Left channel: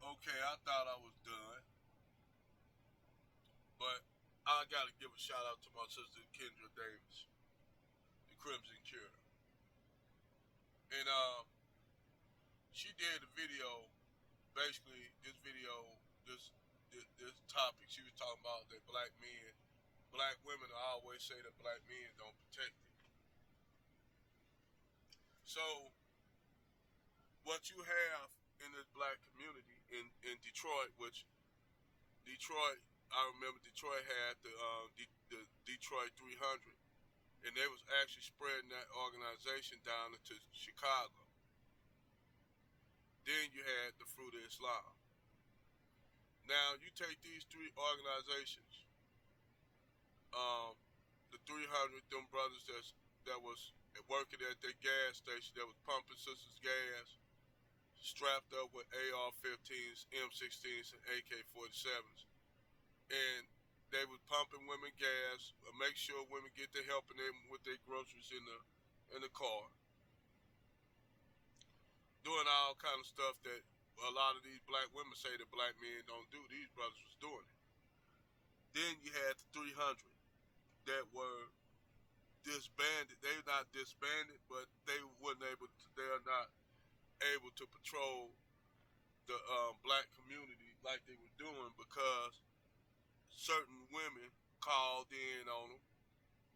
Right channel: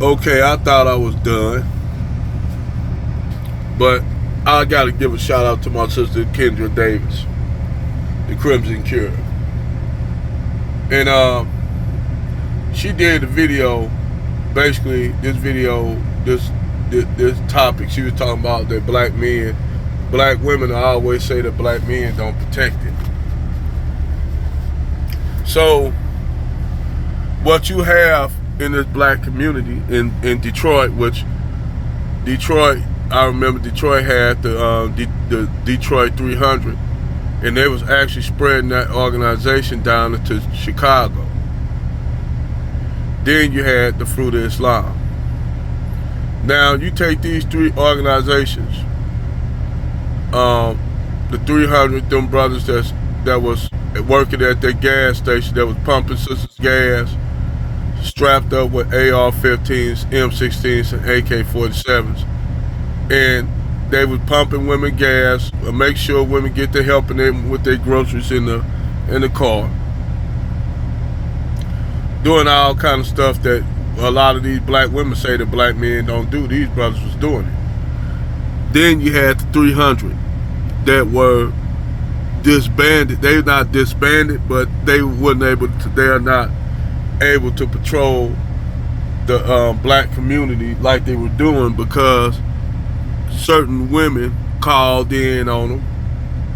Okay, I thought I was done, but I gotta give a shout out to my sister Kendra Davis, the Crimson Cure. And she did a video, basically this video, this topic. She was talking about that black women always say that black men don't protect it. So what you have in this black community in Detroit, which Detroit, I remember Detroit had the Detroit 300, and they was actually spreading that organization down into Chicago. Then you had the Fruit of Islam. Now you take these three organizations, the 300, them brothers that was working at that gas station that was pumping sisters gas, strapped up with AR-15s, M16s, and AK-47s, and they was pumping women gas, make sure women get to helping them with their groceries in the car, doing all kind of stuff that a lot of these black women say that black men don't do. These brothers was doing it. Then you had the 300 that were disbanded. They were not disbanded, but they weren't able to. They are not able to patrol the black community like they were doing because certain women called in on them.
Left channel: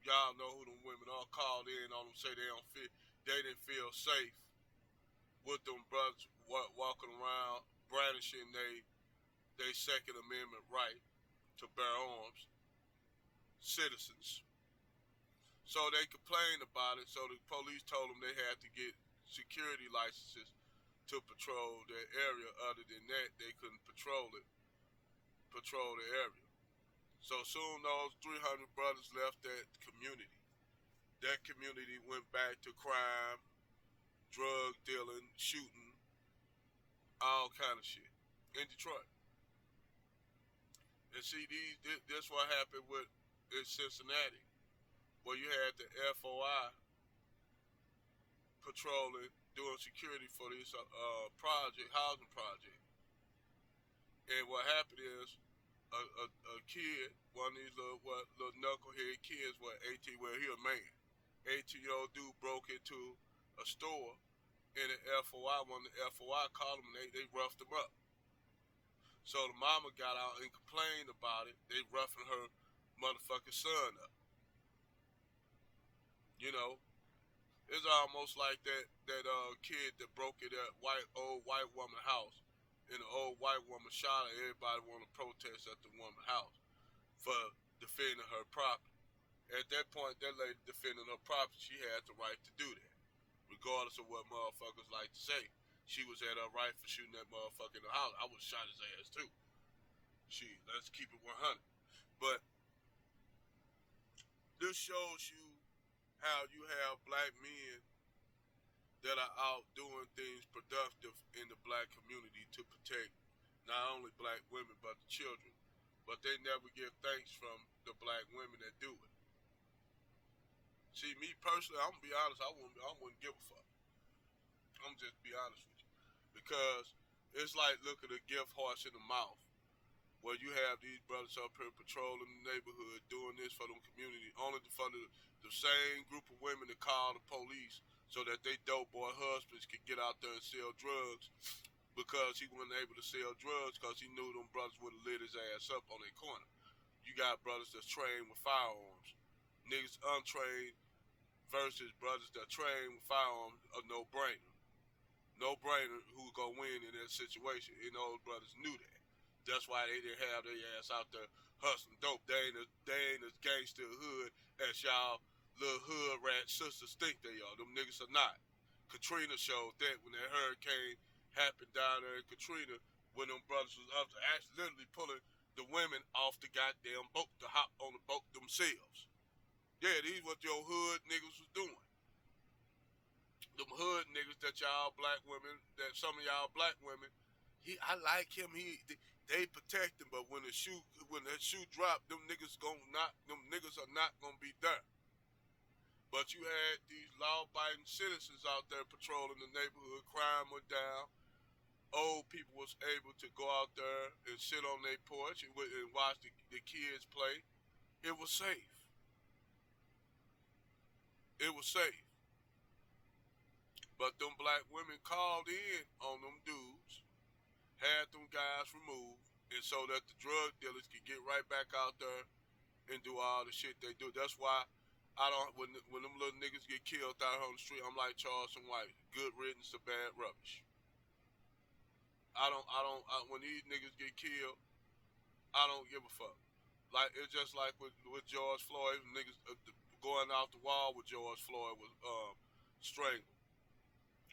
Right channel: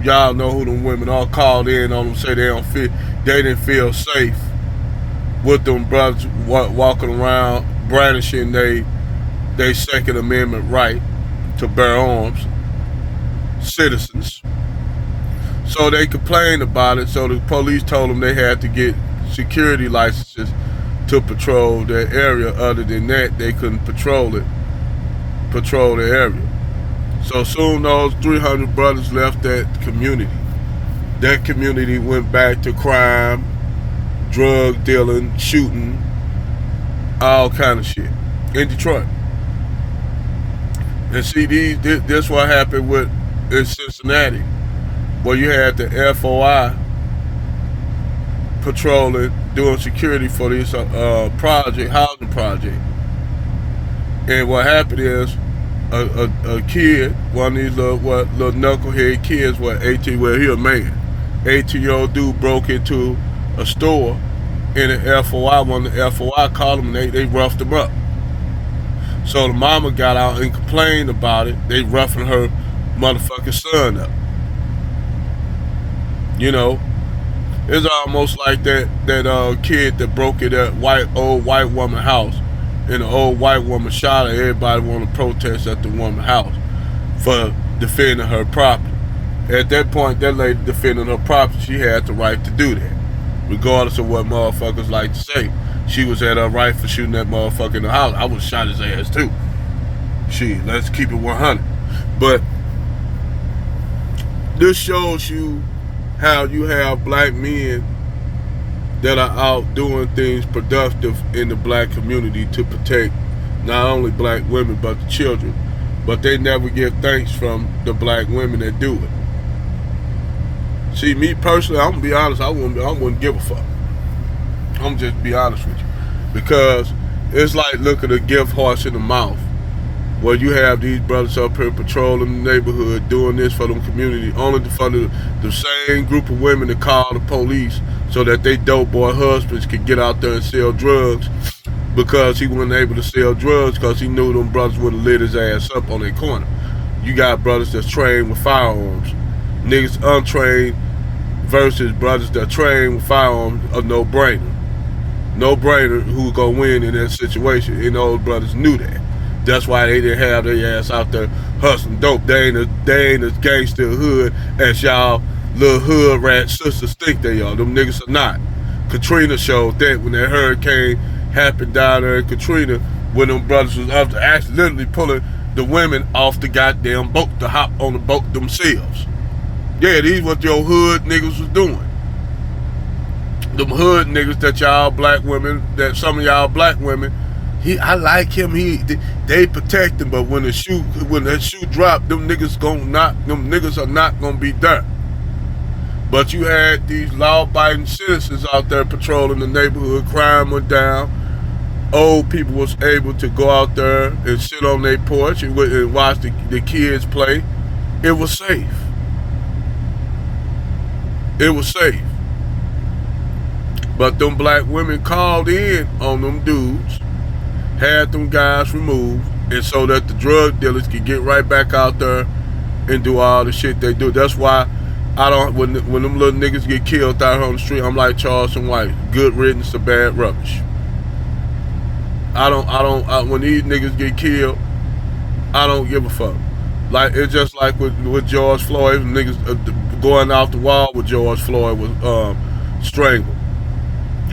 Y'all know who them women are. Called in on them, say they didn't feel safe with them brothers walking around brandishing they Second Amendment right to bear arms, citizens. So they complained about it. So the police told them they had to get security licenses to patrol their area. Other than that, they couldn't patrol the area. So soon those 300 brothers left that community. That community went back to crime, drug dealing, shooting, all kind of shit in Detroit. And see, this what happened in Cincinnati, where you had the FOI patrolling, doing security for this housing project. And what happened is a kid, one of these little knucklehead kids, where he a man, 18-year-old dude broke into a store, and the FOI, one of the FOI called him, and they roughed him up. So the mama got out and complained about it. They roughing her motherfucking son up. You know, it's almost like that kid that broke in that old white woman house, and the old white woman shot her. Everybody want to protest at the woman's house for defending her property. At that point, that lady defending her property, she had the right to do that, regardless of what motherfuckers like to say. She was at her right for shooting that motherfucker in the house. I would have shot his ass too. Let's keep it 100. But this shows you how you have black men that are out doing things productive in the black community to protect not only black women but the children. But they never get thanks from the black women that do it. See, me personally, I'm gonna be honest, I wouldn't give a fuck. I'm just be honest with you. Because it's like looking a gift horse in the mouth. Where you have these brothers up here patrolling the neighborhood, doing this for them community, only for the same group of women to call the police so that they dope boy husbands could get out there and sell drugs, because he wasn't able to sell drugs because he knew them brothers would have lit his ass up on their corner. You got brothers that's trained with firearms. Niggas untrained versus brothers that trained with firearms, a no-brainer. No-brainer who gonna win in that situation, and those brothers knew that. That's why they didn't have their ass out there hustling dope. They ain't as gangster hood as y'all little hood rat sisters think they are. Them niggas are not. Katrina showed that when that hurricane happened down there in Katrina, when them brothers was up to actually literally pulling the women off the goddamn boat to hop on the boat themselves. Yeah, these what your hood niggas was doing. Them hood niggas that y'all black women, that some of y'all black women, I like him. They protect him, but when that shoe drop, them niggas are not gonna be there. But you had these law-abiding citizens out there patrolling the neighborhood. Crime went down. old people was able to go out there and sit on their porch and watch the kids play. It was safe. It was safe. But them black women called in on them dudes, had them guys removed, and so that the drug dealers could get right back out there and do all the shit they do. That's why I don't, when them little niggas get killed out here on the street, I'm like Charleston White, good riddance to bad rubbish. When these niggas get killed, I don't give a fuck. Like, it's just like with George Floyd, niggas going off the wall with George Floyd was strangled.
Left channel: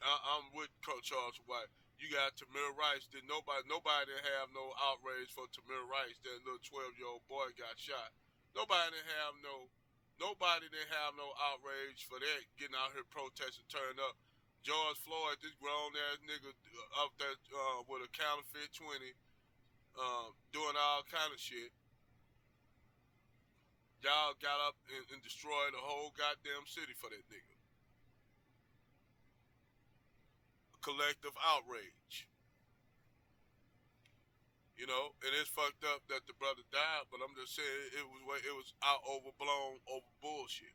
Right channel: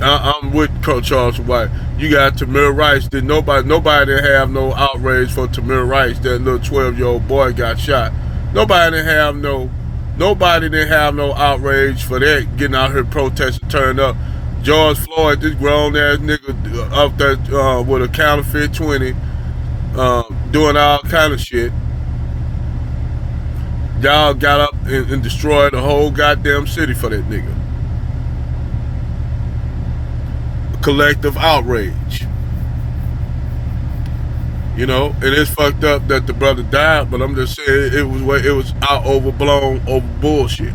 I'm with Charleston White. You got Tamir Rice. Nobody didn't have no outrage for Tamir Rice. That little 12-year-old boy got shot. Nobody didn't have no outrage for that, getting out here protesting, turning up. George Floyd, this grown ass nigga up there with a counterfeit 20, doing all kind of shit. Y'all got up and destroyed the whole goddamn city for that nigga. Collective outrage. You know, and it's fucked up that the brother died, but I'm just saying it was out overblown over bullshit.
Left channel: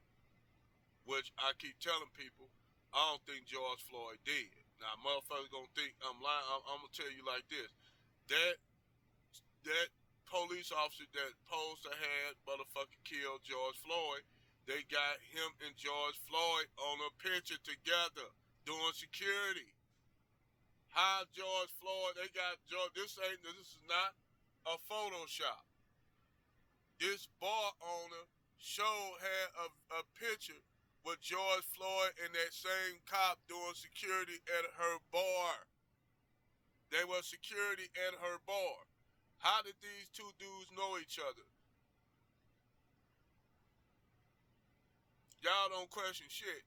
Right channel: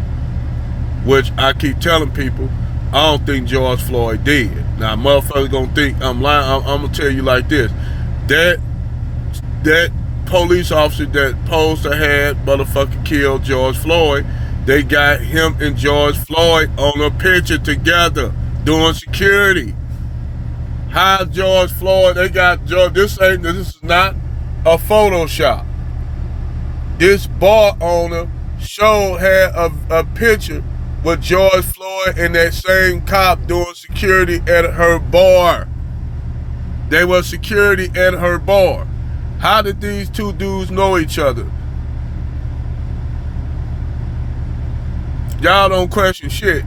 Which I keep telling people, I don't think George Floyd did. Now motherfuckers gonna think I'm lying. I'm gonna tell you like this. That police officer that posed to have motherfucking killed George Floyd, they got him and George Floyd on a picture together doing security. How George Floyd, they got George, this is not a Photoshop. This bar owner had a picture with George Floyd and that same cop doing security at her bar. They were security at her bar. How did these two dudes know each other? Y'all don't question shit.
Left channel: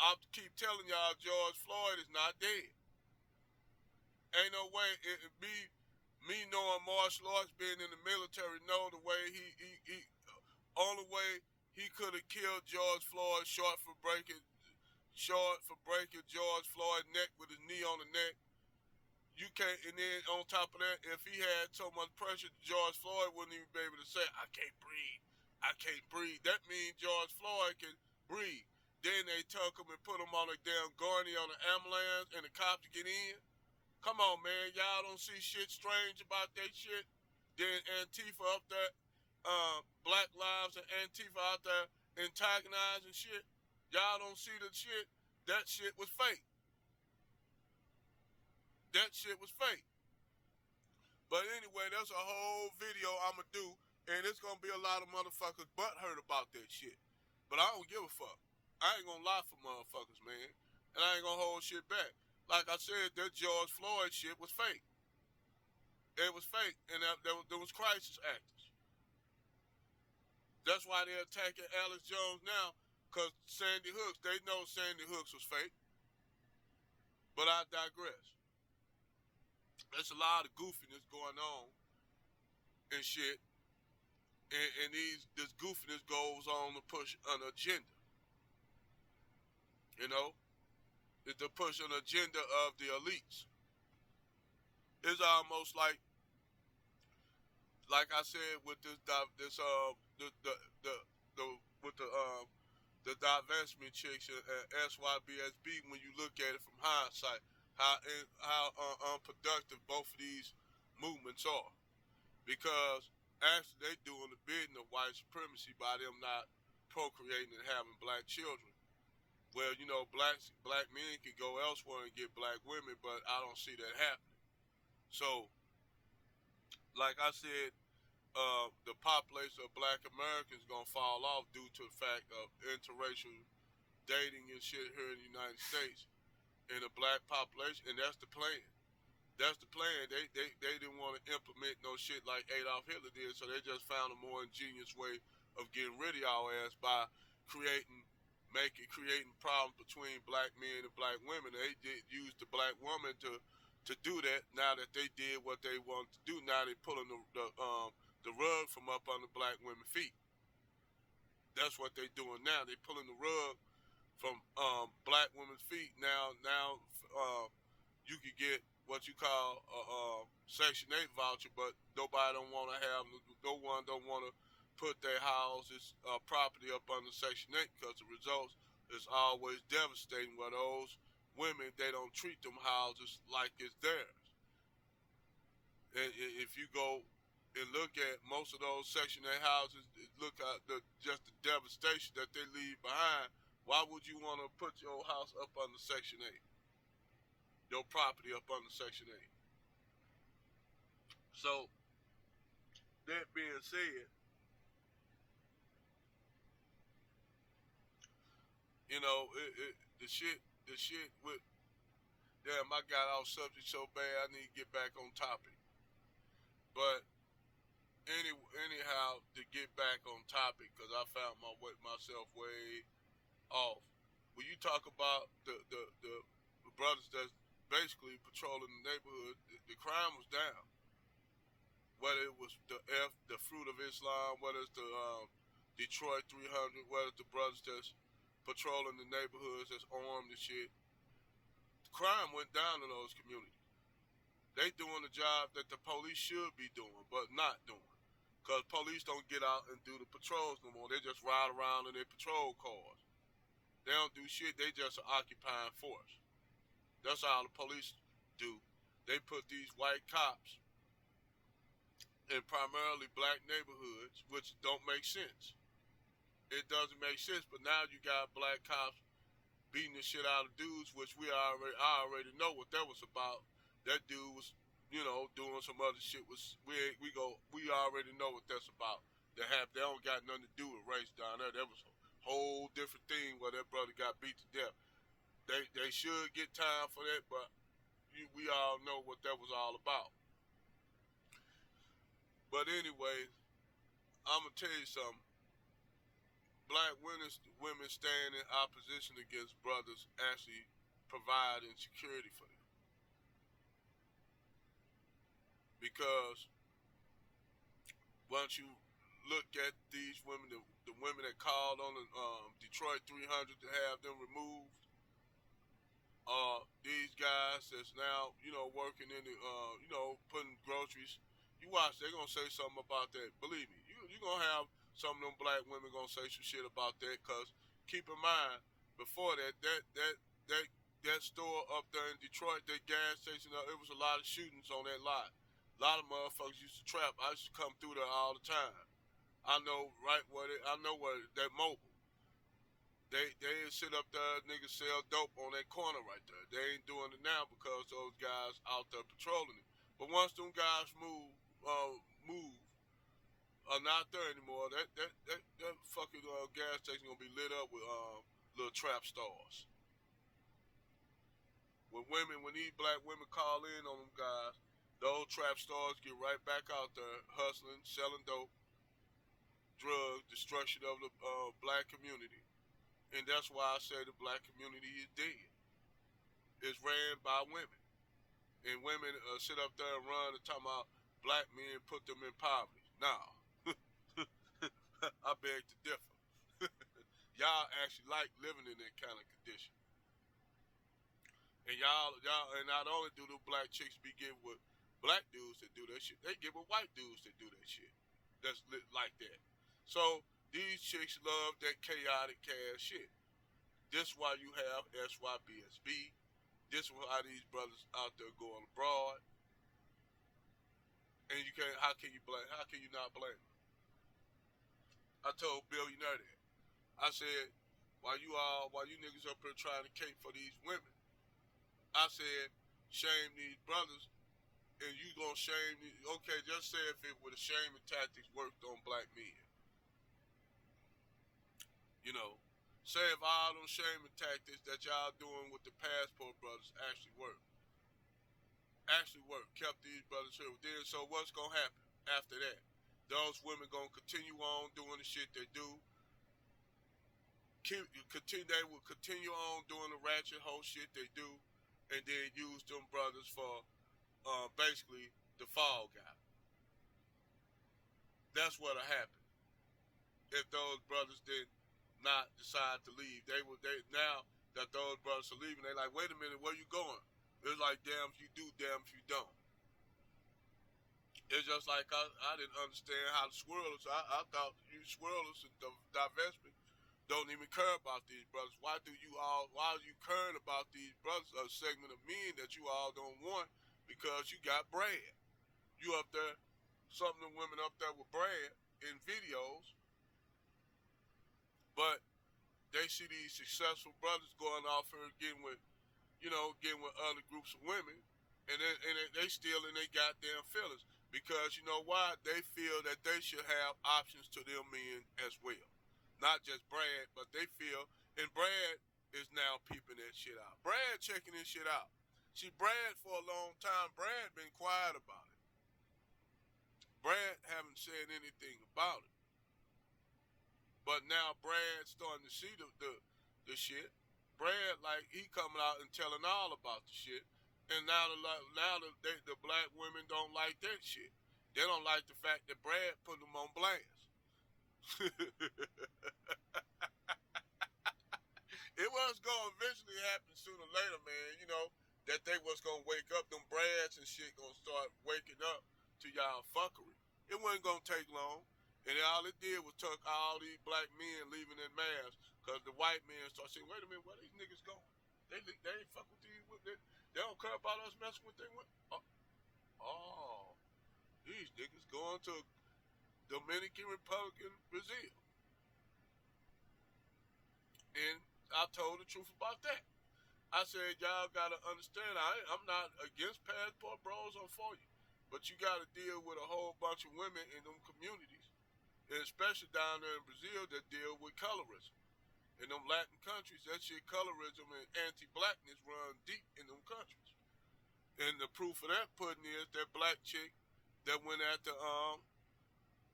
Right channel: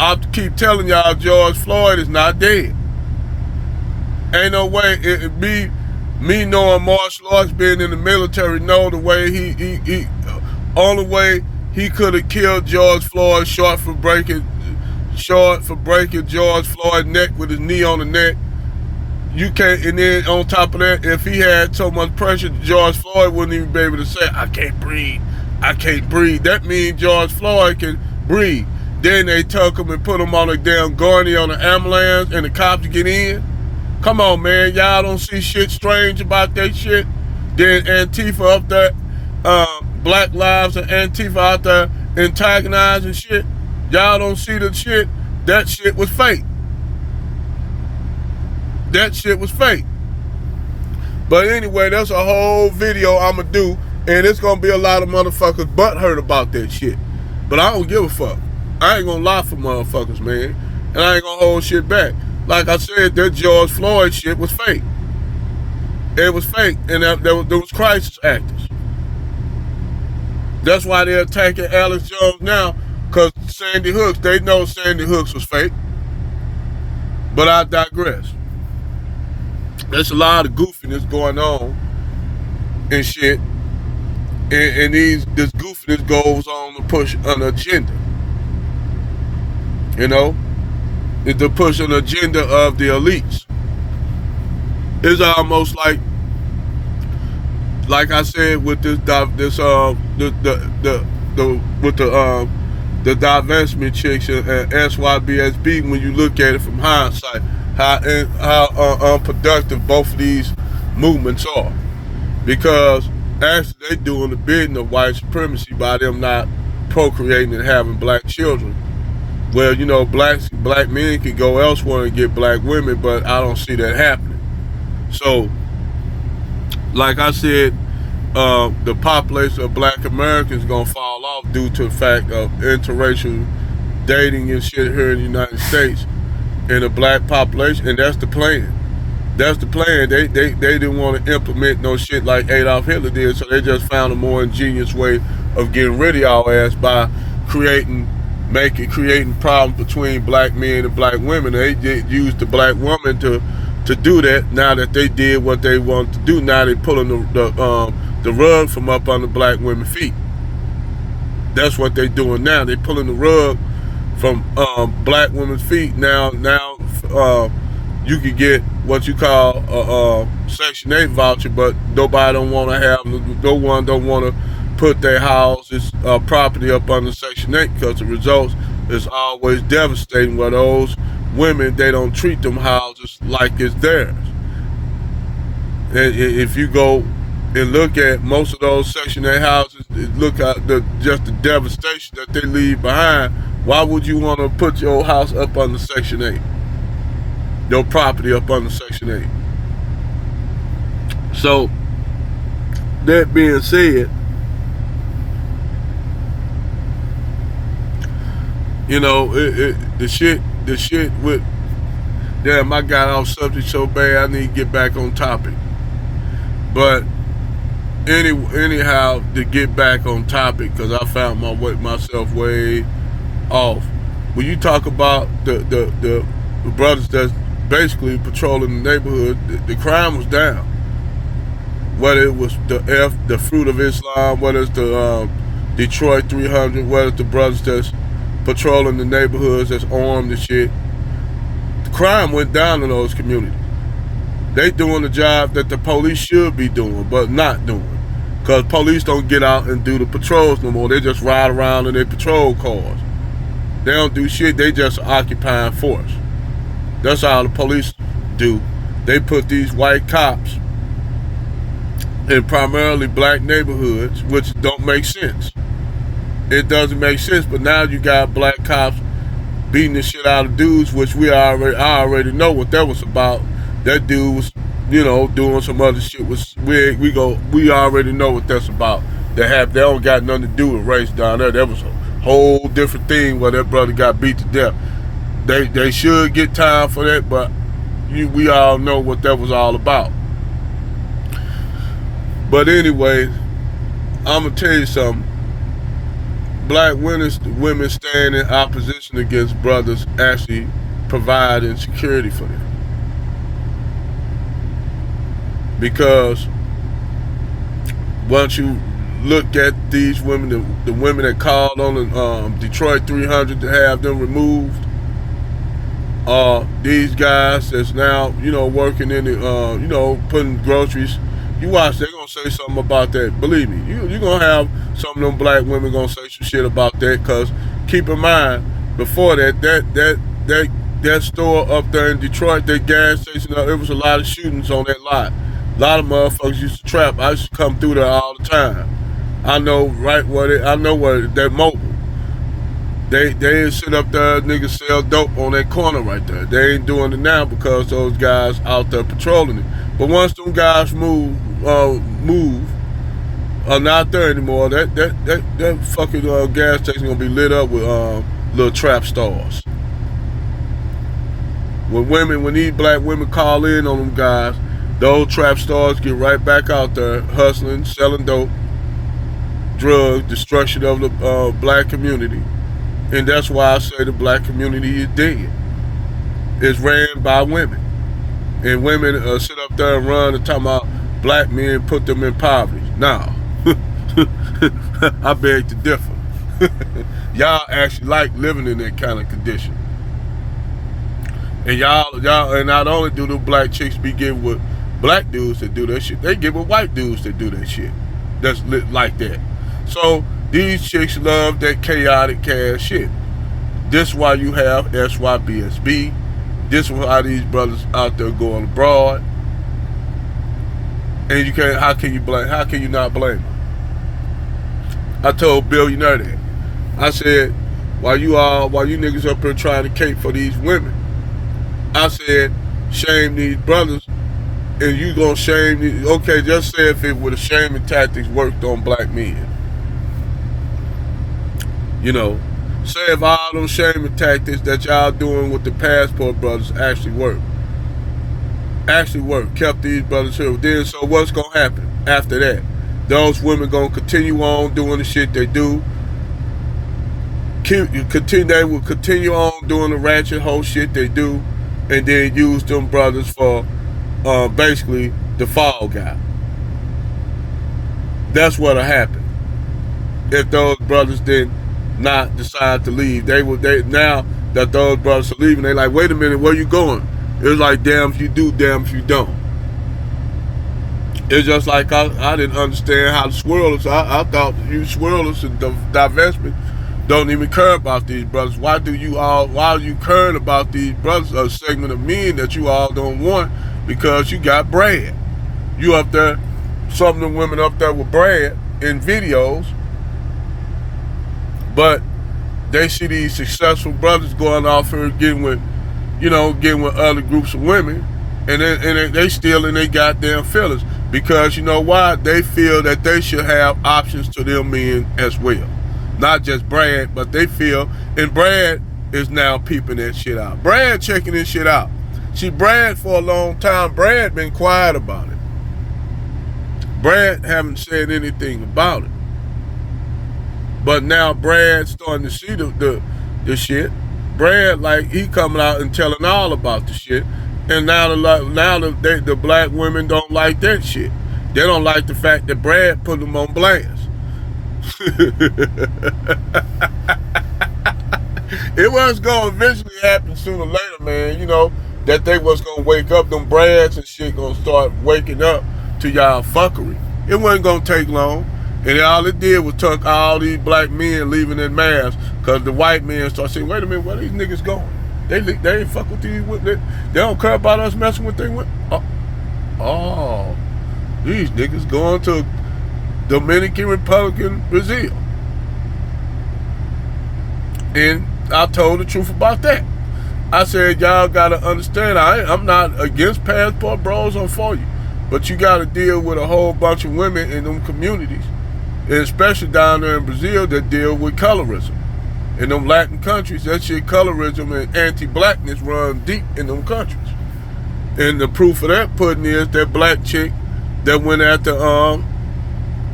I keep telling y'all George Floyd is not dead. Ain't no way me knowing martial arts, being in the military, know the way he only way he could have killed George Floyd short for breaking George Floyd's neck with his knee on the neck. You can't, and then on top of that, if he had so much pressure, George Floyd wouldn't even be able to say, I can't breathe. That means George Floyd can breathe. Then they took him and put him on a damn gurney on an ambulance and the cops get in. Come on, man. Y'all don't see shit strange about that shit? Then Antifa up there, Black Lives and Antifa out there antagonizing shit. Y'all don't see the shit? That shit was fake. That shit was fake. But anyway, that's a whole video I'ma do, and it's gonna be a lot of motherfuckers butthurt about that shit. But I don't give a fuck. I ain't gonna lie for motherfuckers, man. And I ain't gonna hold shit back. Like I said, that George Floyd shit was fake. It was fake, and there was crisis actors. That's why they're attacking Alex Jones now, because Sandy Hooks, they know Sandy Hooks was fake. But I digress. There's a lot of goofiness going on and shit. And this goofiness goes on to push an agenda. You know? It's to push an agenda of the elites. It's almost like I said with the divestment chicks and SYBSB, when you look at it from hindsight, how unproductive both of these movements are. Because actually they doing the bidding of white supremacy by them not procreating and having black children. Well, you know, black men can go elsewhere and get black women, but I don't see that happening. So, like I said, the population of black Americans is gonna fall off due to the fact of interracial dating and shit here in the United States in the black population, and that's the plan. That's the plan. They didn't want to implement no shit like Adolf Hitler did, so they just found a more ingenious way of getting rid of y'all ass by creating problems between black men and black women. They used the black woman to do that. Now that they did what they wanted to do, now they pulling the rug from up under black women's feet. That's what they doing now. They pulling the rug from black women's feet. Now you could get what you call a Section 8 voucher, but nobody don't want to have, no one don't want to put their houses, property up under Section 8 because the results is always devastating where those women, they don't treat them houses like it's theirs. And if you go and look at most of those Section 8 houses, look at just the devastation that they leave behind. Why would you want to put your house up under Section 8? Your property up under Section 8. So, that being said, you know, the shit with, damn, I got off subject so bad, I need to get back on topic. But anyhow, to get back on topic, because I found myself way off. When you talk about the brothers that's basically patrolling the neighborhood, the crime was down. Whether it was the Fruit of Islam, whether it's the Detroit 300, whether it's the brothers that's patrolling the neighborhoods that's armed and shit, the crime went down in those communities. They doing the job that the police should be doing, but not doing. Because police don't get out and do the patrols no more. They just ride around in their patrol cars. They don't do shit, they just occupying force. That's how the police do. They put these white cops in primarily black neighborhoods, which don't make sense. It doesn't make sense, but now you got black cops beating the shit out of dudes, which I already know what that was about. That dude was, you know, doing some other shit. We already know what that's about. They don't got nothing to do with race down there. That was a whole different thing where that brother got beat to death. They should get time for that, but we all know what that was all about. But anyway, I'm gonna tell you something. Black women stand in opposition against brothers actually providing security for them. Because once you look at these women, the women that called on the Detroit 300 to have them removed, these guys that's now, you know, working in the, you know, putting groceries, you watch, they're gonna say something about that. Believe me, you're gonna have some of them black women gonna say some shit about that, because keep in mind, before that store up there in Detroit, that gas station, there was a lot of shootings on that lot. A lot of motherfuckers used to trap. I used to come through there all the time. I know right where they're mobile. They ain't sit up there, niggas sell dope on that corner right there. They ain't doing it now because those guys out there patrolling it. But once them guys move, are not there anymore, that fucking gas station gonna be lit up with little trap stars. When these black women call in on them guys, those trap stars get right back out there hustling, selling dope, drugs, destruction of the black community. And that's why I say the black community is dead. It's ran by women. And women sit up there and run and talk about black men put them in poverty. Nah. I beg to differ. Y'all actually like living in that kind of condition. And y'all, and not only do the black chicks be getting with black dudes that do that shit, they get with white dudes that do that shit. That's like that. So these chicks love that chaotic cash shit. This why you have SYBSB. This is why these brothers out there going abroad. And you can't. How can you not blame them? I told Billionaire that. I said, while you niggas up here trying to cape for these women, I said, shame these brothers, and you gonna shame these. Okay, just say if it would have shaming tactics worked on black men. You know, say if all those shaming tactics that y'all doing with the passport brothers actually work, kept these brothers here. Then so what's gonna happen after that? Those women gonna continue on doing the shit they do. They will continue on doing the ratchet whole shit they do, and then use them brothers for basically the fall guy. That's what'll happen if those brothers did not decide to leave. Now that those brothers are leaving, they like, wait a minute, where you going? It's like damn if you do, damn if you don't. It's just like I didn't understand how the swirlers. I thought you swirlers and divestment don't even care about these brothers. Why are you caring about these brothers, a segment of men that you all don't want because you got bread? You up there, some of the women up there with bread in videos, but they see these successful brothers going off here getting with other groups of women, and they still in their goddamn feelings because you know why? They feel that they should have options to them men as well. Not just Brad, but they feel, and Brad is now peeping that shit out. Brad checking this shit out. See, Brad for a long time, Brad been quiet about it. Brad haven't said anything about it. But now Brad's starting to see the shit. Brad, like, he coming out and telling all about the shit. And now the black women don't like that shit. They don't like the fact that Brad put them on blast. It was going to eventually happen sooner or later, man. You know, that they was going to wake up. Them Brads and shit going to start waking up to y'all fuckery. It wasn't going to take long. And all it did was took all these black men leaving their masks because the white men start saying, wait a minute, where these niggas going? They ain't fuck with these women. They don't care about us messing with them women. Oh, these niggas going to Dominican Republic, Brazil. And I told the truth about that. I said, y'all got to understand, I'm not against passport bros or for you, but you got to deal with a whole bunch of women in them communities, and especially down there in Brazil that deal with colorism. In them Latin countries, that shit, colorism and anti-blackness run deep in them countries. And the proof of that pudding is that black chick that went after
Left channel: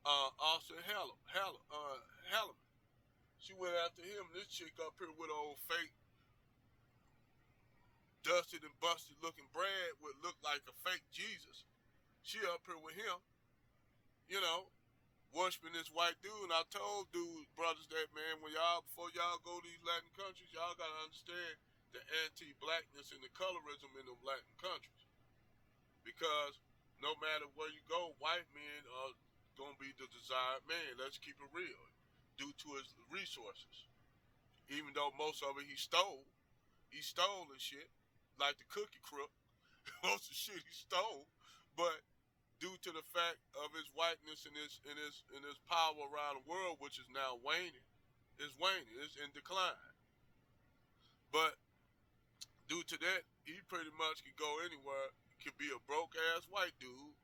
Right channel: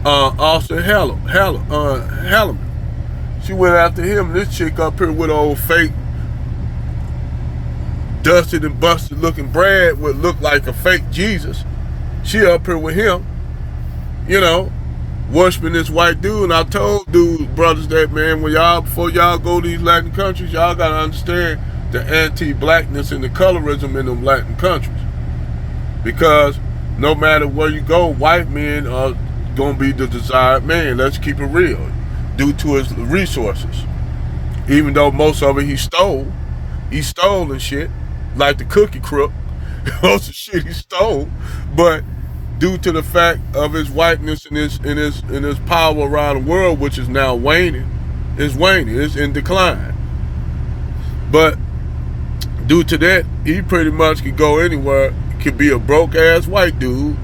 Austin Halleman. She went after him. This chick up here with old fake, dusted and busted looking Brad would look like a fake Jesus. She up here with him, you know, worshiping this white dude. And I told brothers that, man, before y'all go to these Latin countries, y'all gotta understand the anti-blackness and the colorism in them Latin countries. Because no matter where you go, white men are gonna be the desired man. Let's keep it real. Due to his resources. Even though most of it he stole and shit, like the cookie crook. Most of the shit he stole, but due to the fact of his whiteness and his power around the world, which is now waning, it's in decline. But due to that, he pretty much could go anywhere, could be a broke ass white dude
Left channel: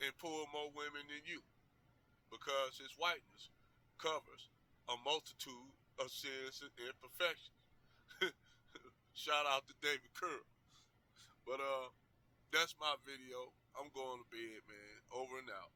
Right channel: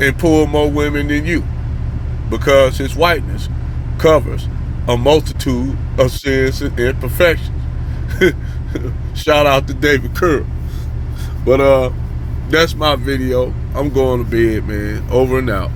and pull more women than you, because his whiteness covers a multitude of sins and imperfections. Shout out to David Kerr. But that's my video. I'm going to bed, man. Over and out.